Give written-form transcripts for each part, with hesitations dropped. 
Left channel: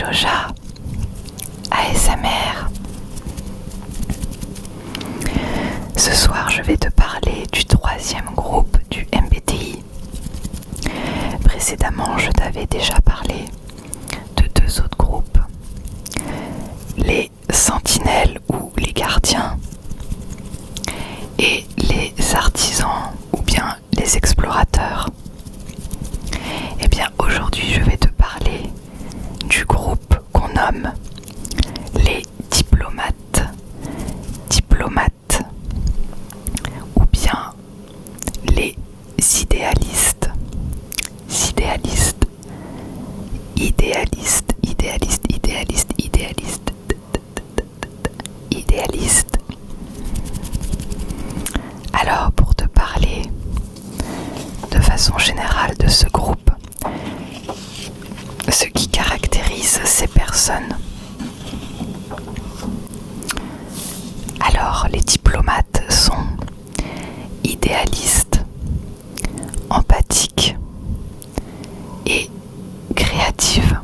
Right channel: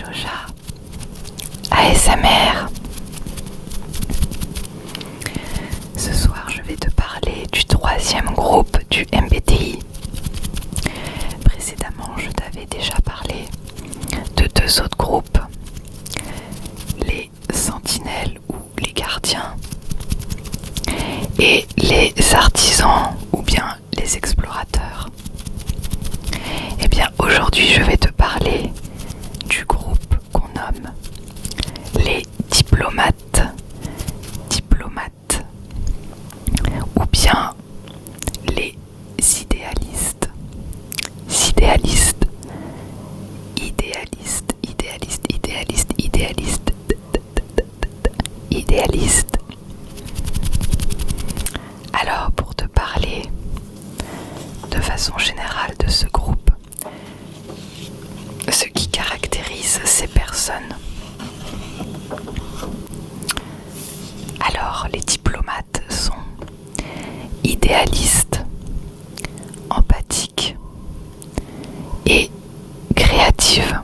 Joja ASMR. Ce soir, je vais te parler du troisième groupe du MBTI. Précédemment, je t'avais déjà parlé de deux autres groupes, les sentinelles ou les gardiens et les artisans ou bien les explorateurs. Et bien aujourd'hui, je vais te parler du groupe qu'on nomme les diplomates, ou bien les idéalistes, idéalistes. Alors, pour te parler de façon générale de ce groupe, ce qui caractérise ces personnes. Alors, les diplomates sont idéalistes, empathiques et créatives.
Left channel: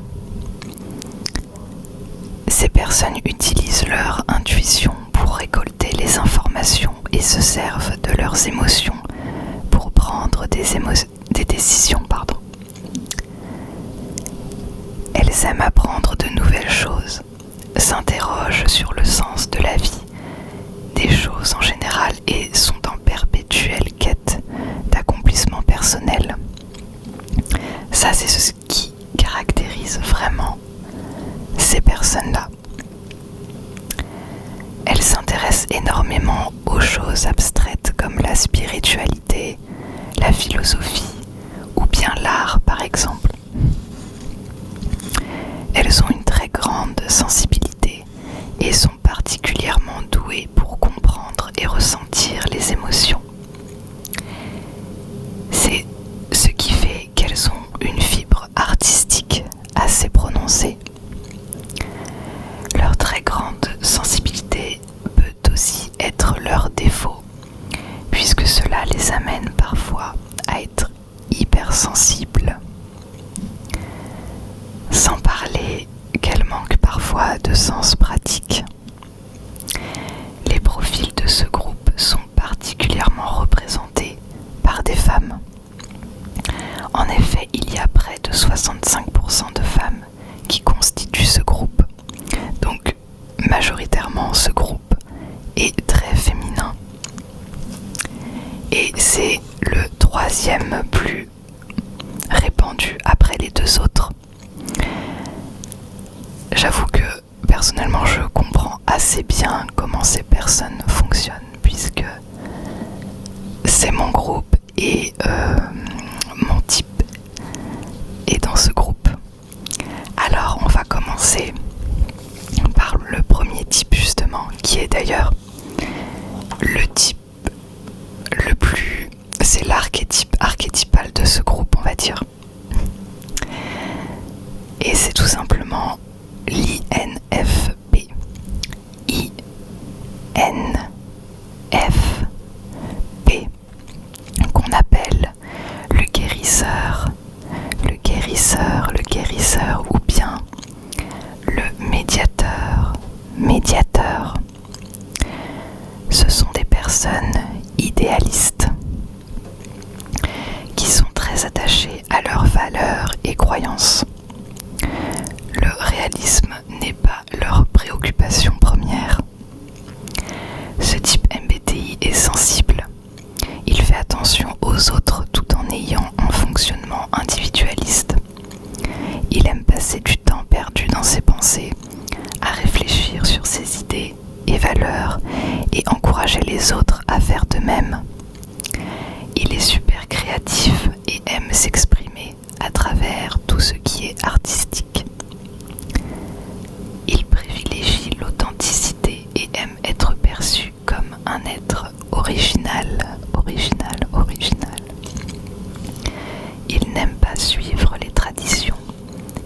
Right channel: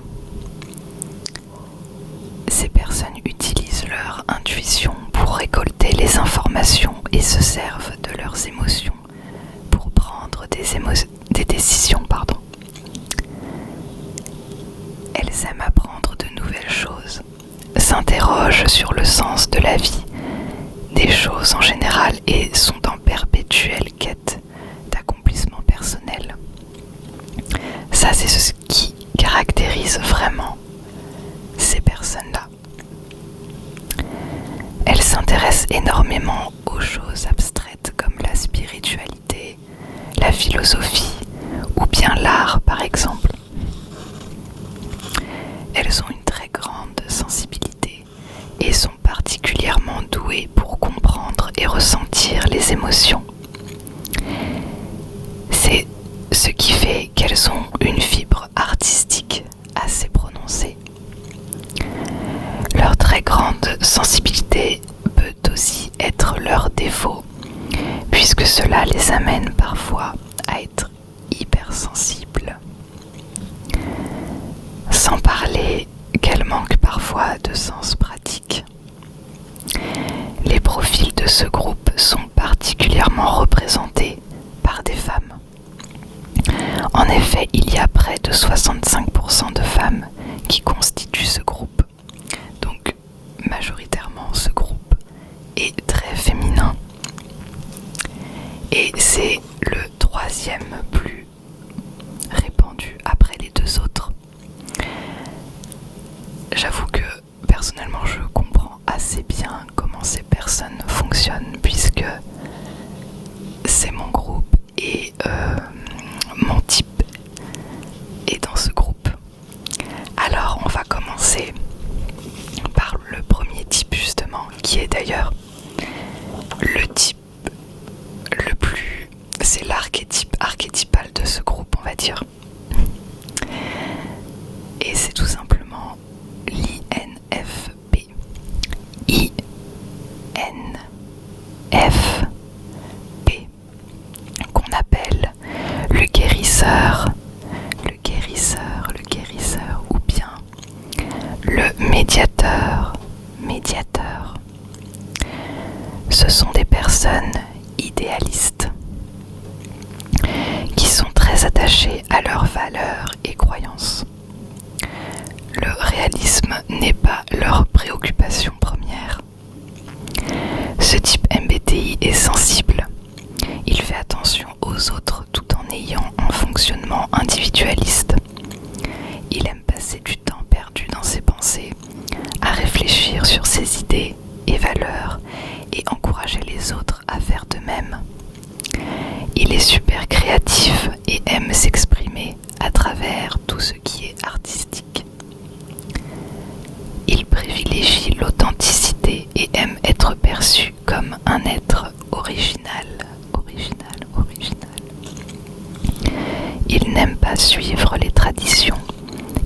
Ces personnes utilisent leur intuition pour récolter les informations et se servent de leurs émotions pour prendre des décisions. Elles aiment apprendre de nouvelles choses, s'interrogent sur le sens de la vie, des choses en général et sont en perpétuelle quête d'accomplissement personnel. Ça, c'est ce qui caractérise vraiment ces personnes-là. Elles s'intéressent énormément aux choses abstraites comme la spiritualité, la philosophie ou bien l'art par exemple. Elles ont une très grande sensibilité et sont particulièrement douées pour comprendre et ressentir les émotions. C'est ce qui fait qu'elles ont une fibre artistique assez prononcée. Leur très grande sensibilité peut aussi être leur défaut, puisque cela les amène parfois à être hypersensibles. Sans parler qu'elles manquent parfois de sens pratique. Les profils de ce groupe sont particulièrement représentés par des femmes. En effet, il y a près de 65% de femmes qui constituent ce groupe. Donc, majoritairement, ce groupe est très féminin. Et c'est le troisième plus répandu après les deux autres. J'avoue que personnellement je comprends assez bien comment ces personnes fonctionnent puisque c'est mon groupe et mon type est dans ce groupe. Alors on va commencer par le premier type justement qui est d'ailleurs le type le plus... c'est l'archétype archétypal de ce groupe on va dire. Et c'est tout simplement l'INFP. INFP, qu'on appelle le guérisseur, ou bien le médiateur. Ce sont des personnes idéalistes qui sont très attachées à leurs valeurs et croyances. Le réalisme n'est pas leur préoccupation première. Ce type MBTI est sensible. Il fait attention aux autres tout en ayant un fonctionnement individualiste. Il aime passer du temps perdu dans ses pensées, à réfléchir sur ses idées et valeurs et encourager les autres à faire de même. Il est super créatif et aime s'exprimer à travers tout ce qui est artistique. Il privilégie l'authenticité et aime être perçu comme un être original. Il n'aime pas suivre les traditions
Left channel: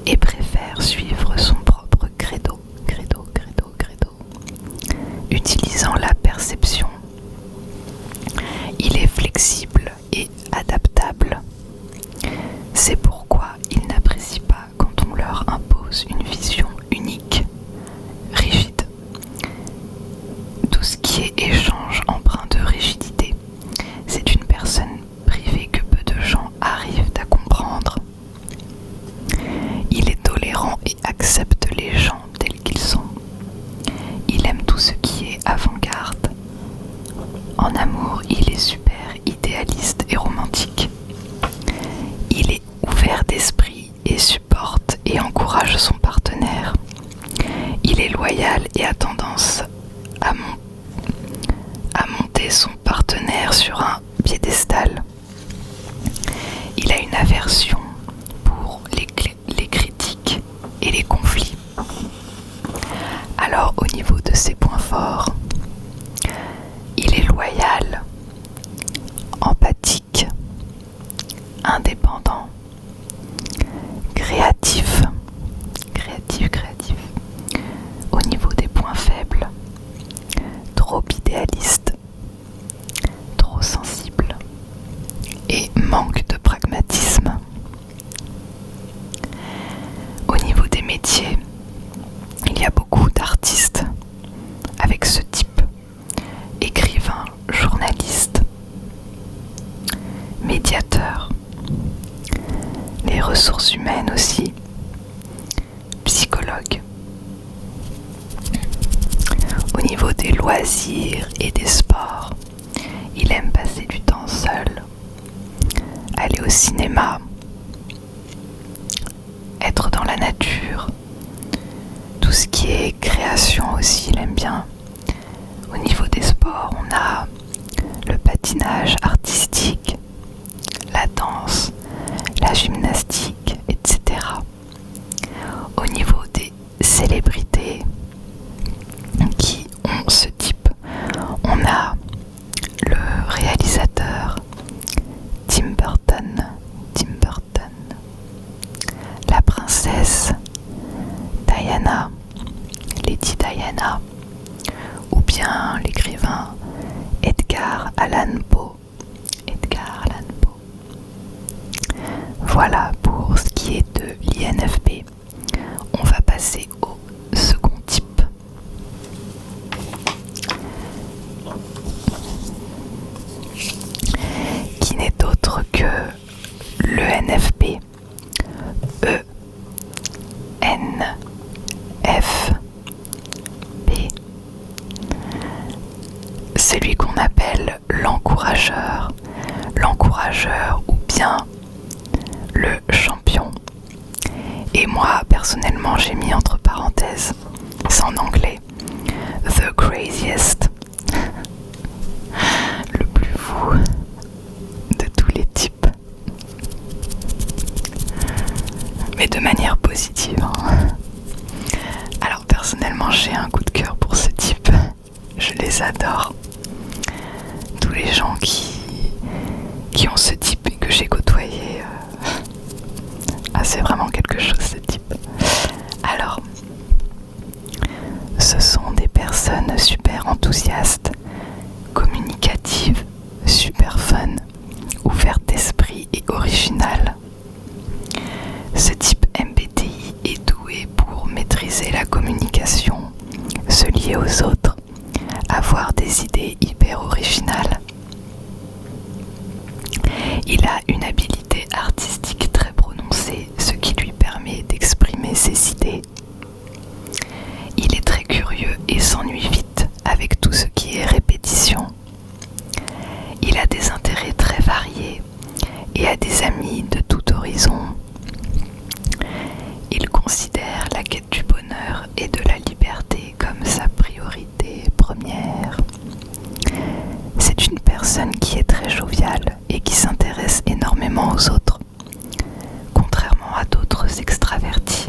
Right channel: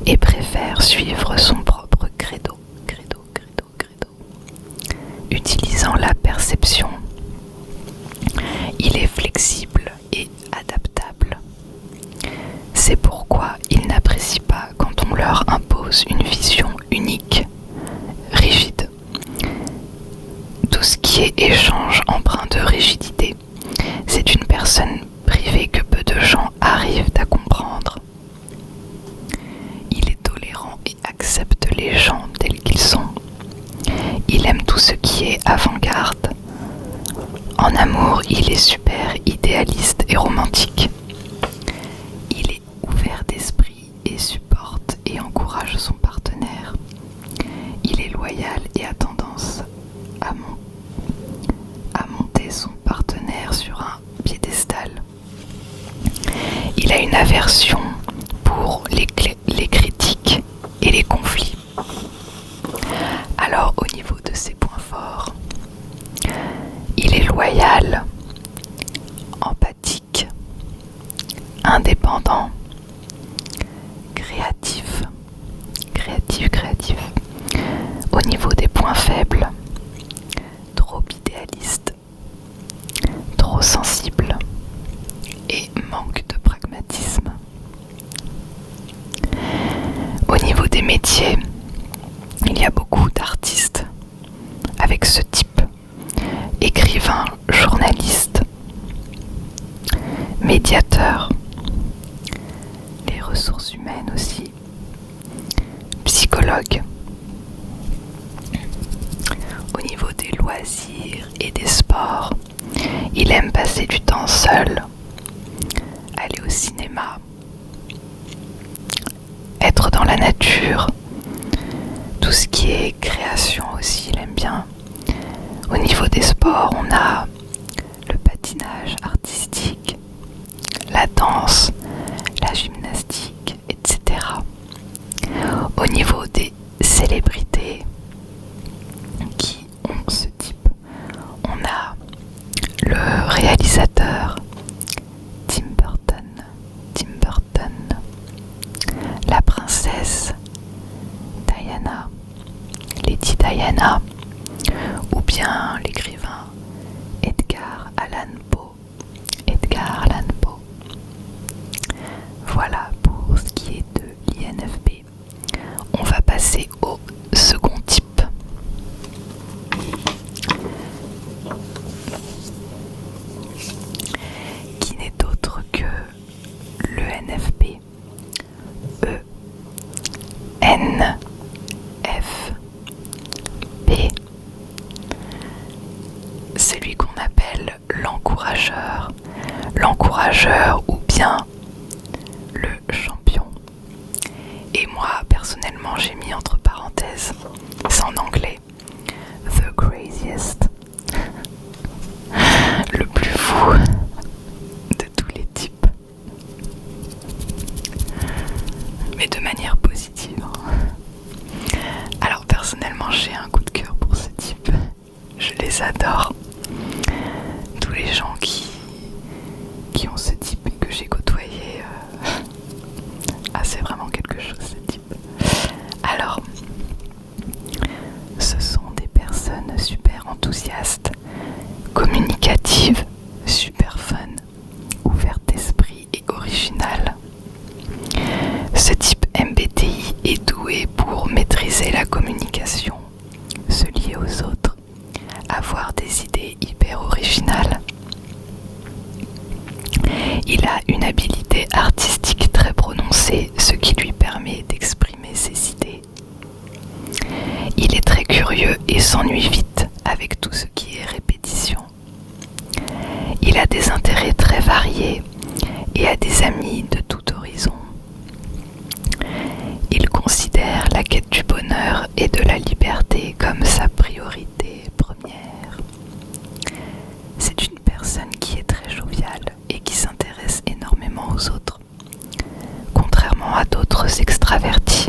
et préfère suivre son propre credo. Utilisant la perception, il est flexible et adaptable. C'est pourquoi ils n'apprécient pas quand on leur impose une vision métier échange empreint de rigidité. C'est une personne privée que peu de gens arrivent à comprendre. Il est tolérant et accepte les gens tels qu'ils sont. Il aime tout ce qui est avant-garde. En amour, il est super idéaliste et romantique. Il est ouvert d'esprit et supporte et encourage son partenaire. Il est loyal et a tendance à monter son partenaire sur un piédestal. Il a une aversion pour les critiques et les conflits. Alors au niveau de ses points forts, il est loyal, empathique, indépendant, créatif. Au niveau des points faibles, trop idéaliste, trop sensible et manque de pragmatisme. Au niveau des métiers, il y a beaucoup d'artistes avec ce type: écrivain, journaliste, médiateur, les ressources humaines aussi, psychologue. Au niveau des loisirs et des sports, il aime passer du temps seul, aller au cinéma, être dans la nature, tout ce qui est création aussi, il aime bien. Au niveau des sports, on a le patinage artistique, la danse, la gymnastique, etc. Au niveau des célébrités qui ont ce type, on a le réalisateur Tim Burton, la princesse Diana, Lady Diana, ou bien l'écrivain Edgar Allan Poe. Voilà pour ce qui est de l'INFP. On va passer au second type. Qui n'est autre que l'ENFP. ENFP. Celui qu'on appelle l'encourageur ou bien le champion. Et moi, personnellement, j'ai mis entre parenthèses, c'est en anglais, the craziest, le plus fou de tous les types. Mais de manière positive. Alors personnellement, j'ai un coup de cœur pour ce type. Je les adore. Tous les gens qui ont ce type et que j'ai côtoyé, c'est vraiment quelque chose, ce type. Alors, ce sont des personnes super enthousiastes, communicatives, super fun, ouvertes d'esprit et originales. Ce type MBTI est doué pour maîtriser la communication, se lier aux autres, avoir des idées hyper originales. Il a une habileté artistique très prononcée, ce qui lui permet d'exprimer ses idées. Il est très curieux et s'ennuie vite avec tout ce qui est répétition. Il a des intérêts très variés et a des amis de tout horizon. Il considère la quête du bonheur et de la liberté comme sa priorité première. C'est une personne qui est très joviale et qui s'intéresse énormément aux autres, contrairement à d'autres extravertis.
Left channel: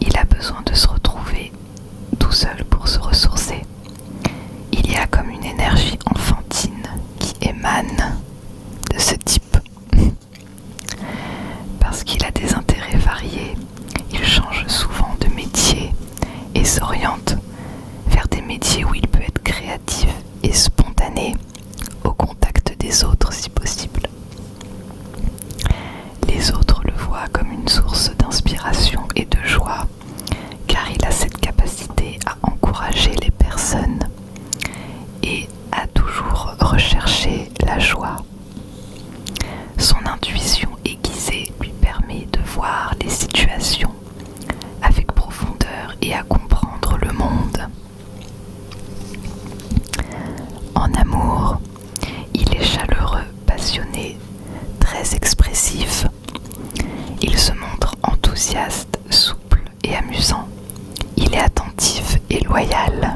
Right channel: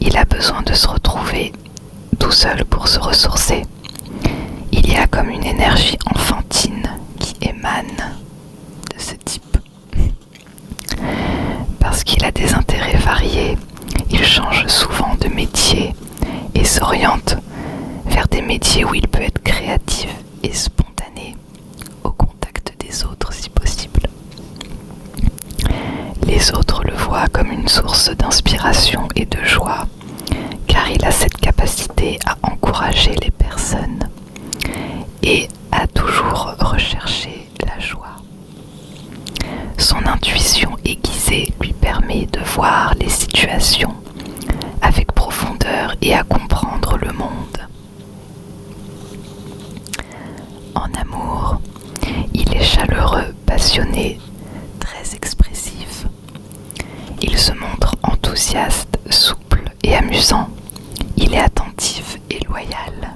Il a besoin de se retrouver tout seul pour se ressourcer. Il y a comme une énergie enfantine qui émane de ce type. Parce qu'il a des intérêts variés, il change souvent de métier et s'oriente vers des métiers où il peut être créatif et spontané, au contact des autres si possible. Les autres le voient comme une source d'inspiration et de joie, car il a cette capacité à encourager les personnes et à comprendre le monde. En amour, il est chaleureux, passionné, très expressif. Il se montre enthousiaste, souple et amusant. Il est attentif et loyal.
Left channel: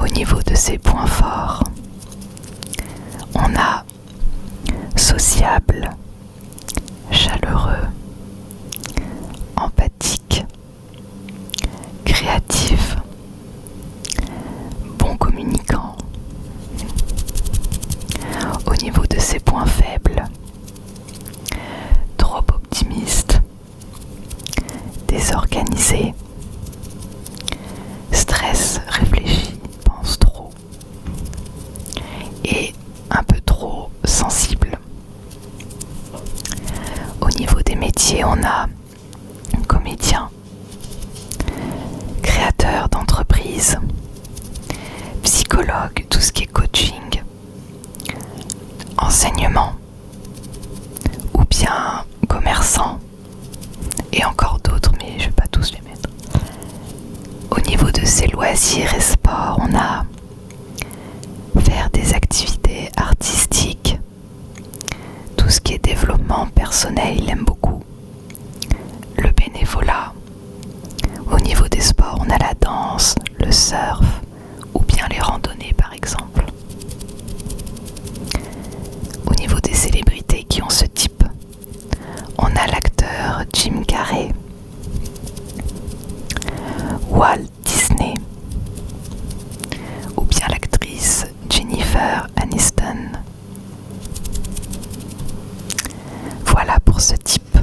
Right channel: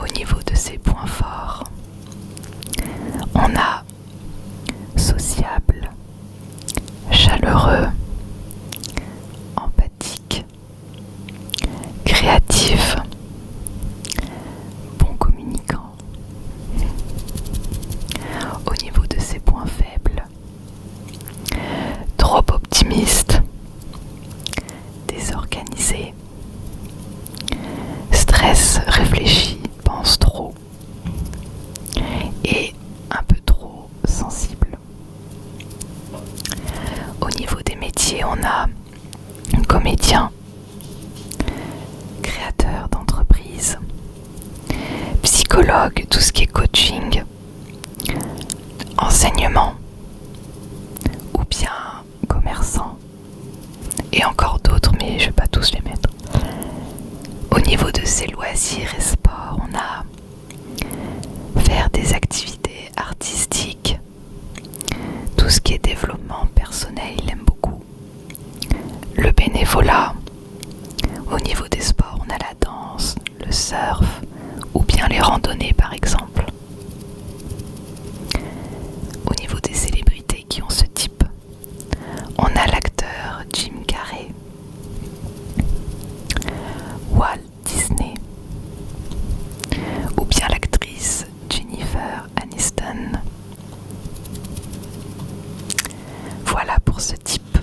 Au niveau de ses points forts, on a sociable, chaleureux, empathique, créatif, bon communicant. Au niveau de ses points faibles, trop optimiste, désorganisé, stress, réfléchit, pense trop et un peu trop sensible. Au niveau des métiers, on a comédien, créateur d'entreprise, psychologue, tout ce qui est coaching, enseignement, ou bien commerçant, et encore d'autres, mais je ne vais pas tous les mettre. Au niveau de ses loisirs et sports, on a faire des activités artistiques, tout ce qui est développement personnel, il aime beaucoup. Le bénévolat. Au niveau des sports, on a la danse, le surf, ou bien les randonnées par exemple. Au niveau des célébrités qui ont ce type, on a l'acteur Jim Carrey, Walt Disney, ou bien l'actrice Jennifer Aniston. Voilà pour ce type.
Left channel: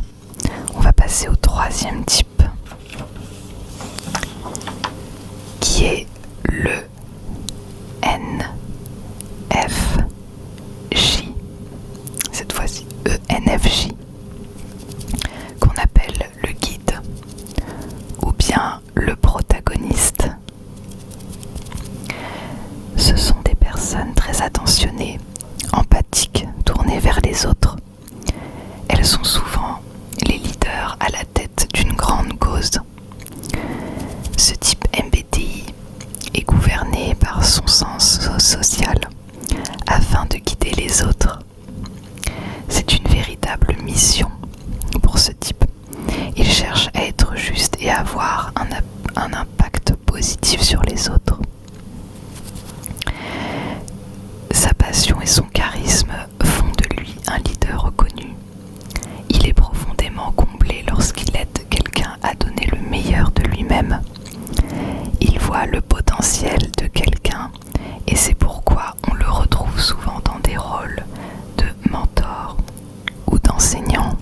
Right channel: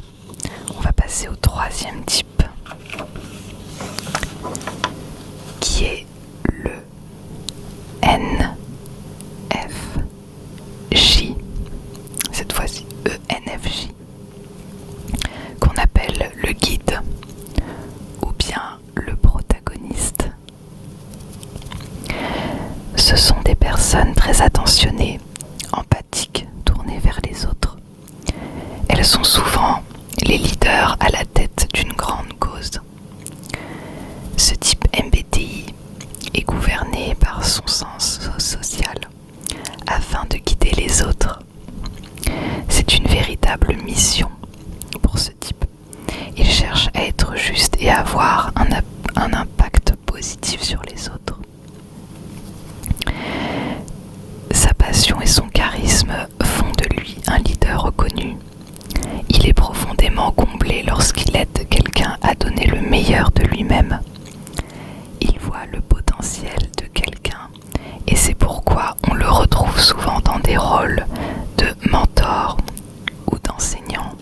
On va passer au troisième type, qui est le NFJ. Cette fois-ci, ENFJ, qu'on appelle le guide ou bien le protagoniste. Ce sont des personnes très attentionnées, empathiques, tournées vers les autres. Elles sont souvent les leaders à la tête d'une grande cause. Ce type MBTI est gouverné par son sens social afin de guider les autres. C'est une véritable mission pour ce type. Il cherche à être juste et à avoir un impact positif sur les autres. Sa passion et son charisme font de lui un leader reconnu. Il est profondément comblé lorsqu'il aide quelqu'un à donner le meilleur de lui-même. Il voit le potentiel de quelqu'un et c'est pourquoi on le retrouve souvent dans des rôles de mentor ou d'enseignant.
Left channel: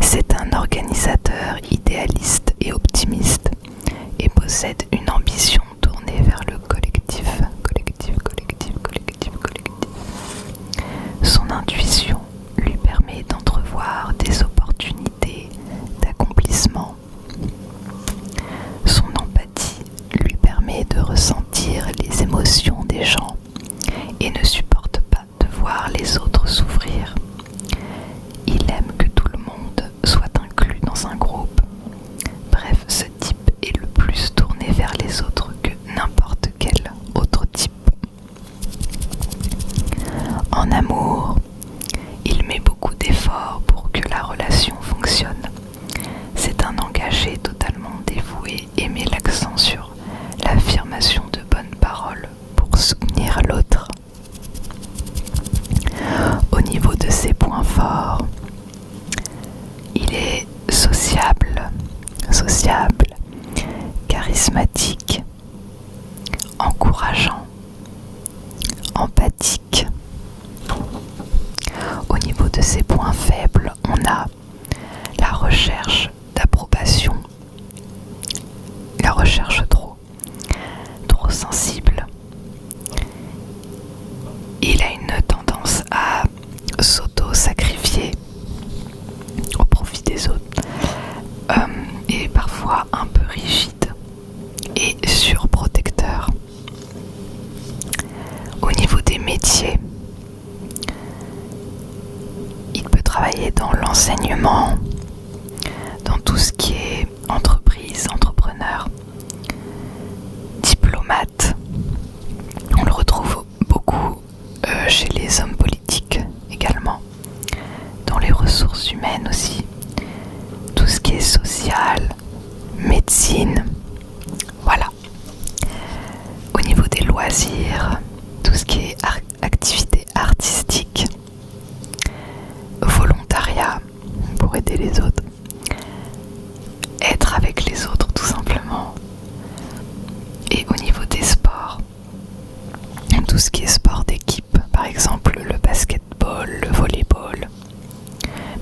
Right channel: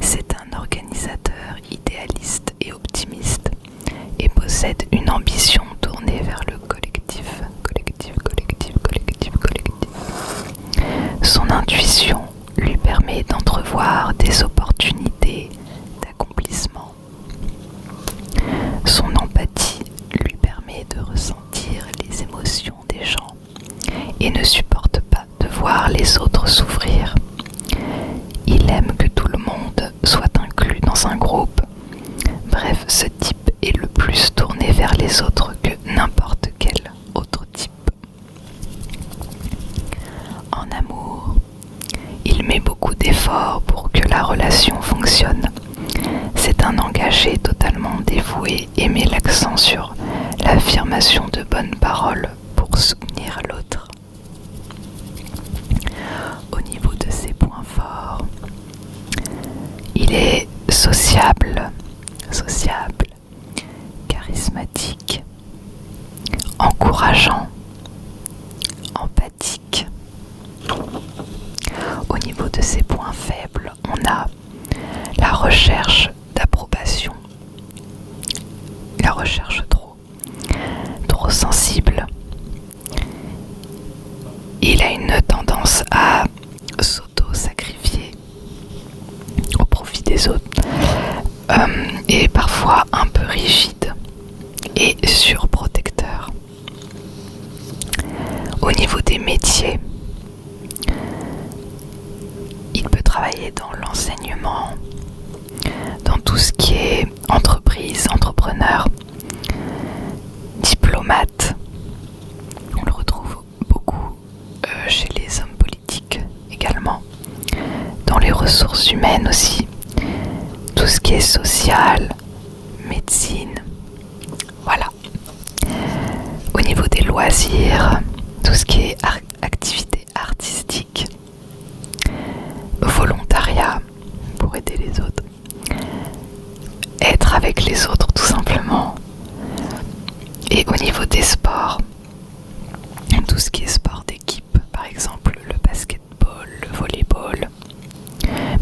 C'est un organisateur idéaliste et optimiste et possède une ambition tournée vers le collectif. Son intuition lui permet d'entrevoir des opportunités d'accomplissement. Son empathie lui permet de ressentir les émotions des gens et ne supporte pas de voir les autres souffrir. Il aime que tout le monde soit inclus dans un groupe. Bref, ce type est le plus tourné vers les autres que n'importe quel autre type. En amour, il met beaucoup d'efforts pour que la relation fonctionne. C'est un engagé totalement dévoué et met l'accent sur l'affirmation de bonnes paroles pour soutenir l'autre. Au niveau de ses points forts, il est sociable, charismatique, encourageant, empathique. Au niveau de ses points faibles, on a la recherche d'approbation, la recherche trop sensible. Il a une tendance à s'auto-sacrifier au profit des autres et parfois un peu rigide et surprotecteur. Au niveau des métiers, il peut travailler dans l'enseignement, dans qui est social, médecine, voilà. Au niveau des loisirs, tout ce qui est activité artistique, volontariat pour aider les autres, être avec les autres tout simplement. Et au niveau des sports, tout ce qui est sport d'équipe, par exemple le basketball, le volleyball,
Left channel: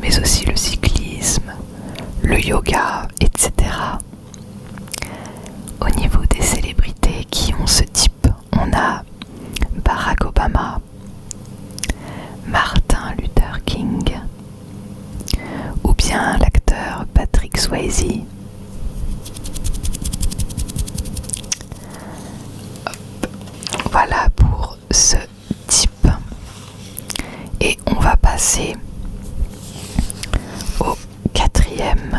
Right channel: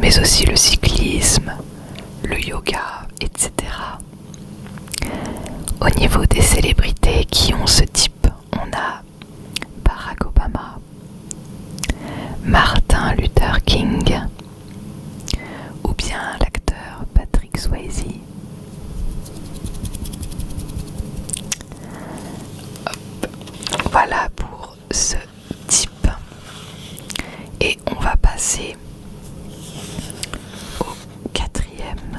mais aussi le cyclisme, le yoga, etc. Au niveau des célébrités qui ont ce type, on a Barack Obama, Martin Luther King, ou bien l'acteur Patrick Swayze. Voilà pour ce type. Et on va passer au quatrième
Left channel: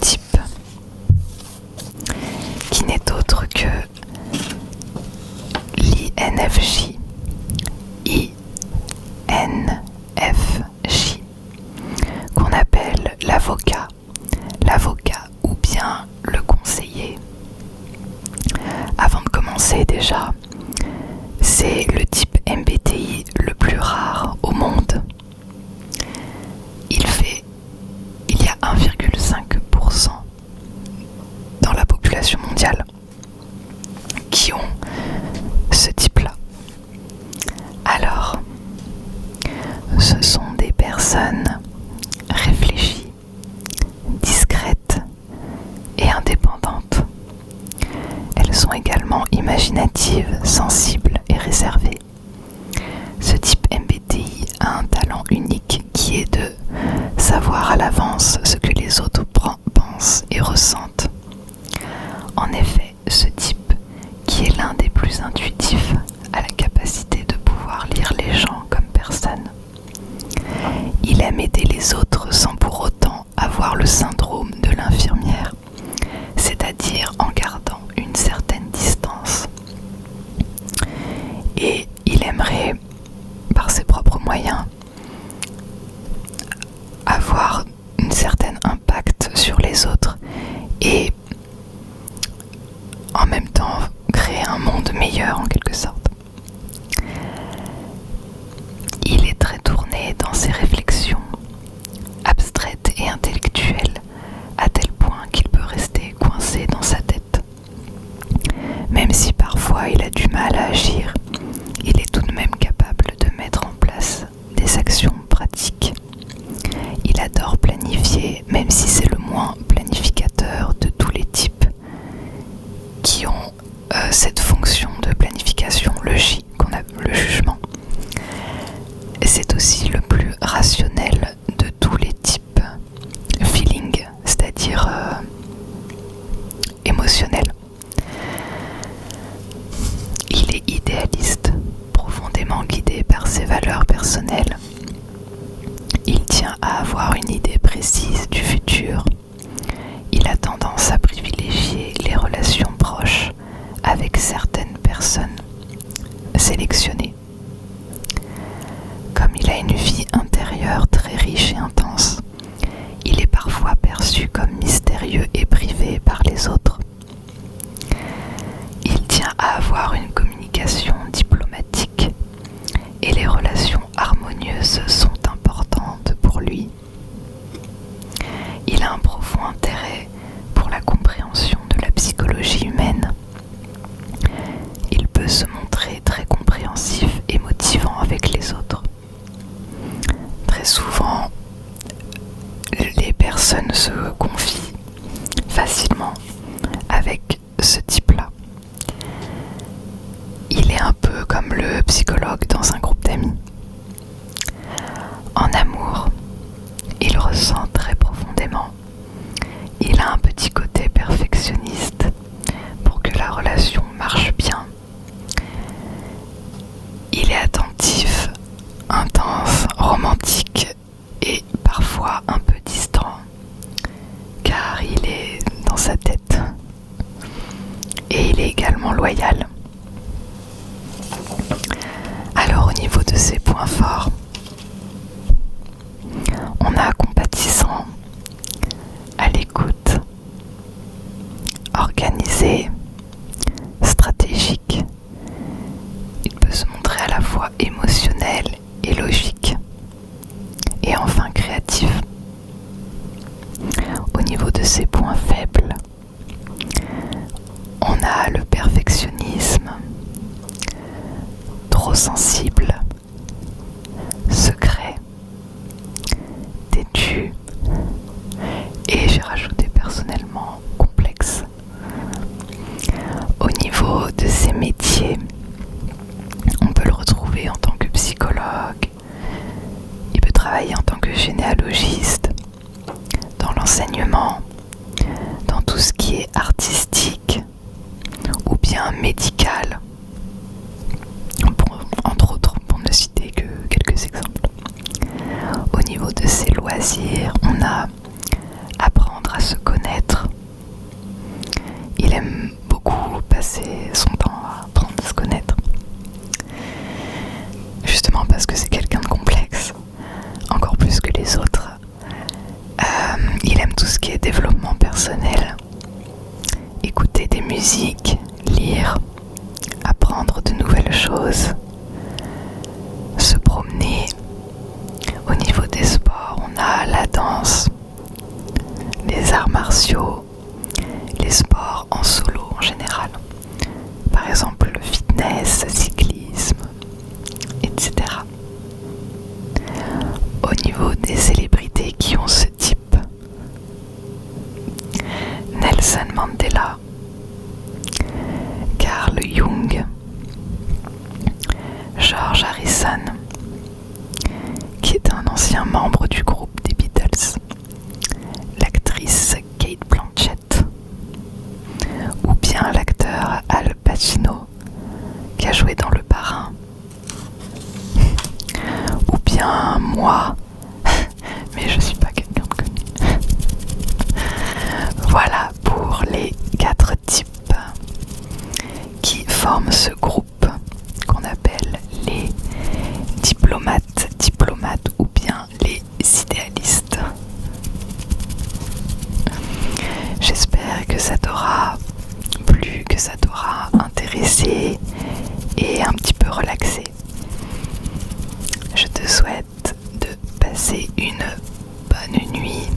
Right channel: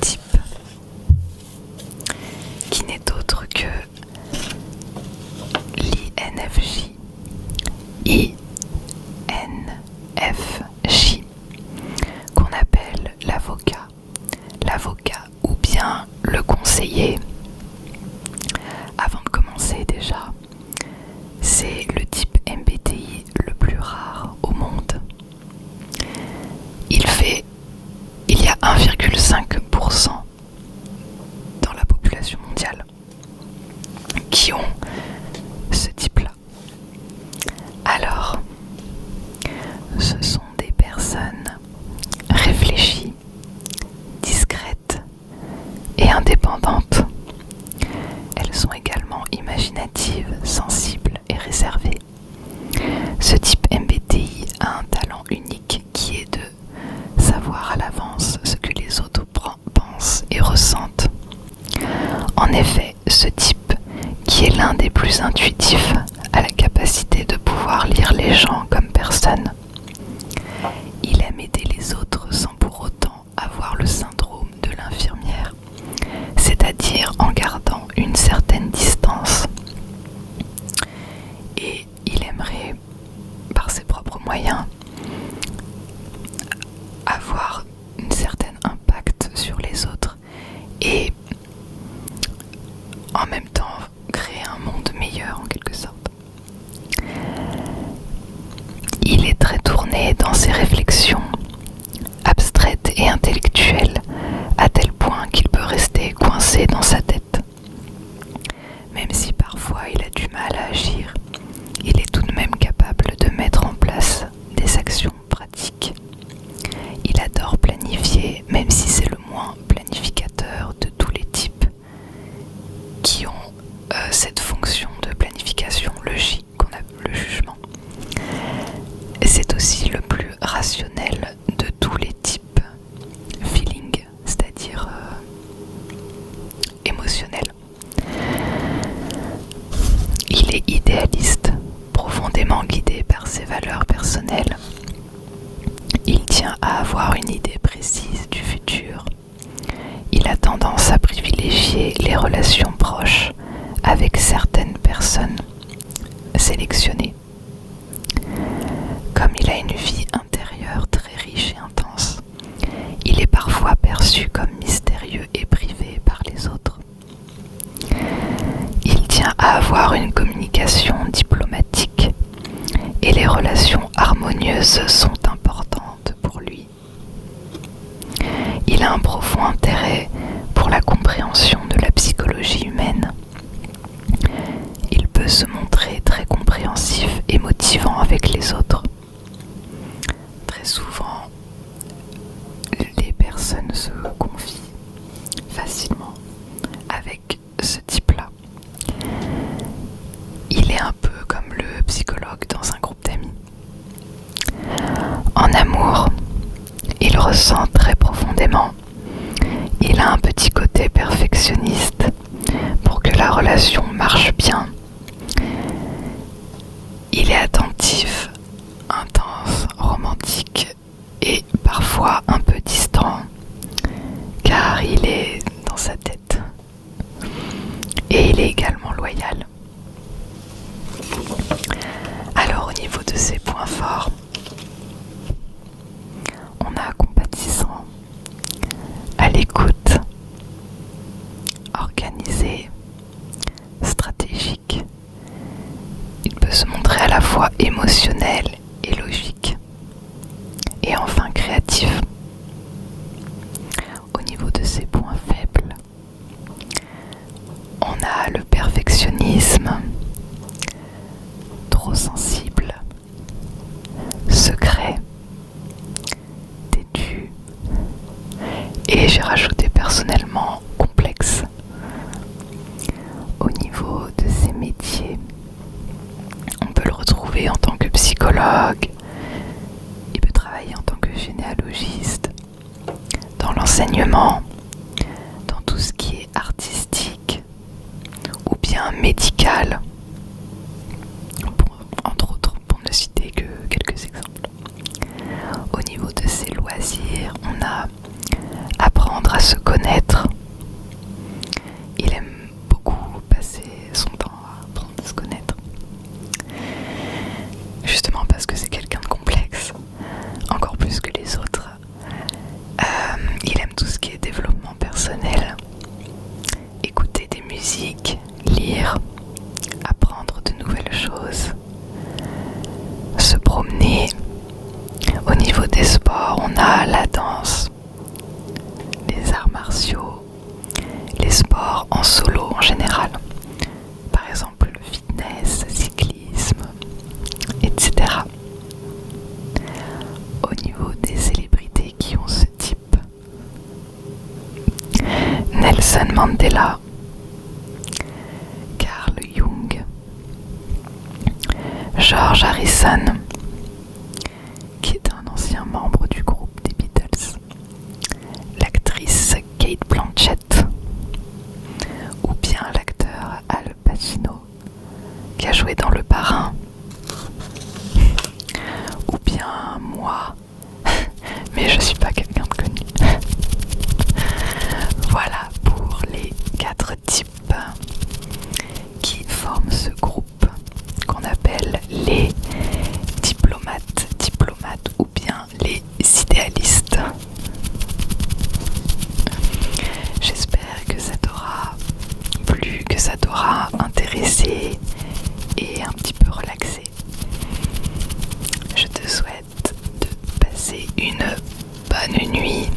type, qui n'est autre que l'INFJ. INFJ, qu'on appelle l'avocat ou bien le conseiller. Avant de commencer déjà, c'est le type MBTI le plus rare au monde. Il y a 1,5% dans la population mondiale qui ont ce type-là. Alors, ce sont des personnes réfléchies, discrètes et indépendantes. Elles sont également imaginatives, sensibles et réservées. Ce type MBTI a un talent unique qui est de savoir à l'avance ce que les autres pensent et ressentent. En effet, ce type, qui est l'un des plus intuitifs, a la capacité de pouvoir lire les gens comme personne. Il aime aider les autres sans pour autant avoir le syndrome de l'infirmière, c'est-à-dire en gardant une certaine distance. Et il aimerait, par ses propres moyens, avoir un certain impact sur les autres et en même temps créer un monde meilleur en quelque sorte. Il est très tourné dans ses réflexions, abstraites et intellectuelles, à tel point qu'il peut rester coincé dans sa tête. Même si parfois il a du mal à agir, il est tout de même capable de mettre en place des actions pratiques. Il adore planifier, même si c'est le moins planificateur de tous les types qui ont cette fonction de planification, le J, qu'on appelle le jugement. Et c'est aussi le plus rationnel de tous les types, feeling, c'est-à-dire émotionnel. Il est idéaliste, profondément guidé par ses valeurs personnelles. Il tient à avoir une idée précise du futur. Il a tendance à privilégier les relations proches avec certaines personnes sélectionnées. Comme il a une vie intérieure très riche et intense, il est parfois perçu comme mystérieux et privé par les autres. Il tient à avoir une communication diplomatique et les relations harmonieuses sont importantes pour lui. Il a un profond intérêt pour la compréhension de la psychologie humaine. Il peut se montrer très compréhensif et motivant avec les autres. Très souvent, les personnes se confient facilement avec ce type-là. Il est un peu comme le psychologue dans un groupe d'amis. En amour, il ressent très profondément. Il a un petit côté perfectionniste pour que la relation marche bien. Il est attentif, intense, romantique et parfois un peu distant, car il est dans sa tête. Et il est également loyal. Alors au niveau de ses points forts, on a compatissant, émotionnel et logique. Et enfin créatif. Au niveau de ses points faibles, on a le perfectionnisme, trop sensible, secret, têtu, et j'ai rajouté personnellement complexe. Au niveau de ses métiers, on peut le retrouver en tant que psychologue, il peut travailler en tant que généalogiste, dans l'enseignement, dans tout ce qui est artistique ou bien médical, entre autres, pour ne citer que quelques exemples. Au niveau de ses loisirs, on a apprendre à se connaître. Il aime beaucoup passer son temps à apprendre à se connaître. Justement parce que c'est quelqu'un de complexe, encore plus que les autres. Il aime tout ce qui est développement personnel, écouter des musiques, lire, apprendre de nouvelles choses, se promener. Au niveau des sports, on a la danse, les arts martiaux, les sports en solo en général. Par exemple le fitness, cyclisme, etc. Au niveau des célébrités qui ont ce type, Nelson Mandela, Carl Jung, George Harrison, qui est un ancien membre du groupe des Beatles, l'actrice Kate Blanchett, ou bien l'acteur Al Pacino, qui a joué dans Le Parrain, ou bien moi, mais je suis pas quelqu'un de connu. Voilà pour les 4 types qui forment ce groupe qu'on appelle les diplomates ou bien les idéalistes. J'espère que ça t'aura plu, que ça t'aura intéressé et un petit peu relaxé. Je te souhaite de passer une bonne nuit